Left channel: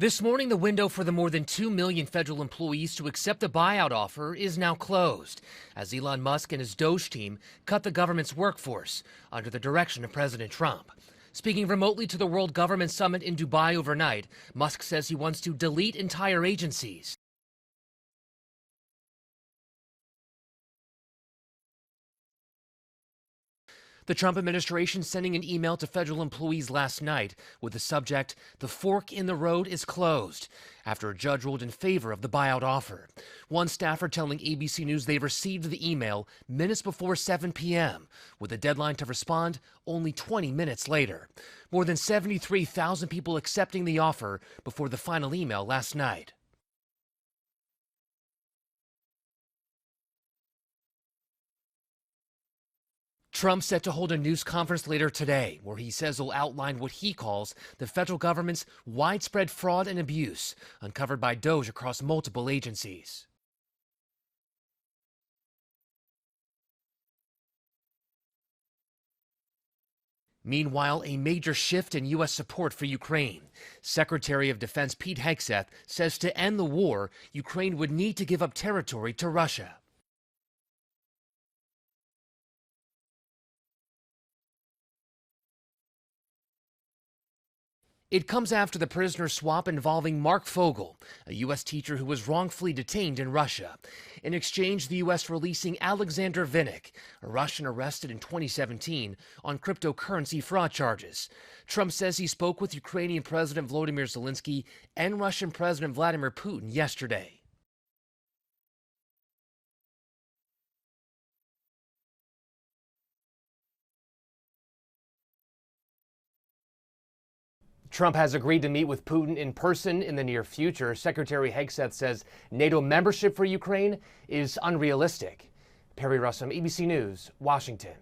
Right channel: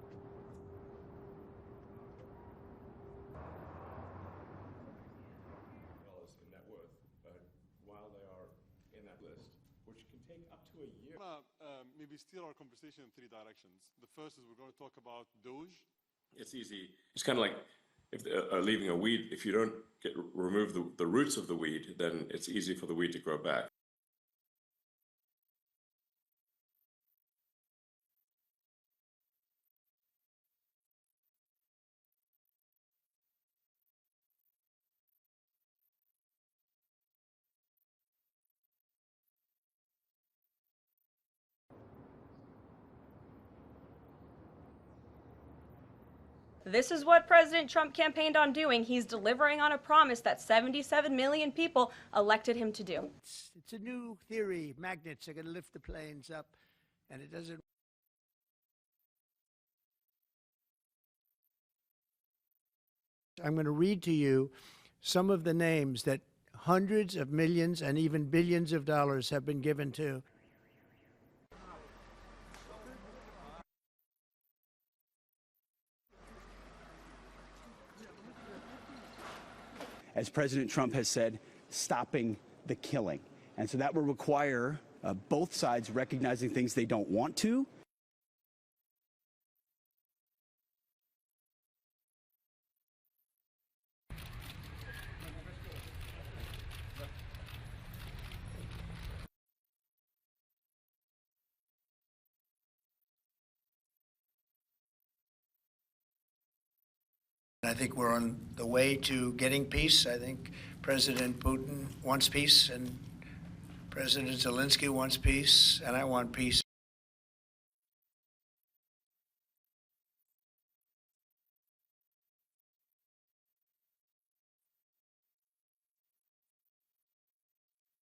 This morning, the window for the more than 2 million federal employees to accept a buyout offer is now closed, as Elon Musk and his Doge team cut the government's workforce under the direction of President Trump. Speaking remotely to the World Government Summit in Dubai overnight, Musk says he wants to delete entire agencies. It's kind of like leaving a weed. If you don't remove the roots of the weed, then it's easy for the weed to grow back. The Trump administration sending an email to federal employees last night with the subject, "The fork in the road is closed," after a judge ruled in favor of the buyout offer. One staffer telling ABC News they received the email minutes before 7 p.m., with a deadline to respond only 20 minutes later. More than 73,000 people accepting the offer before the final email last night. This is what President Trump campaigned on doing. He's delivering on a promise that 77 million people elected him to do. Trump set to hold a news conference later today where he says he'll outline what he calls the federal government's widespread fraud and abuse uncovered by Doge across multiple agencies. I'm going to read to you some of the names that hundreds of millions and even billions of dollars have been given to. Meanwhile, a major shift in U.S. support for Ukraine. Secretary of Defense Pete Hegseth says to end the war, Ukraine would need to give up territory to Russia. As President Trump has said, stopping the killing. And so that will require both sides recognizing things they don't want to. It comes after the prisoner swap involving Mark Fogel, a U.S. teacher who was wrongfully detained in Russia. In exchange, the U.S. releasing Alexander Vinnik, a Russian arrested in 2017 on cryptocurrency fraud charges. Trump says he spoke with Ukrainian President Volodymyr Zelensky and Russian President Vladimir Putin yesterday. I think we're on the way to getting peace. I think President Putin wants peace, and President Zelensky wants peace, and I want peace. Trump has agreed to meet with Putin in person in the near future. Secretary Hegseth says NATO membership for Ukraine is unrealistic. Perry Russum, ABC News, Washington.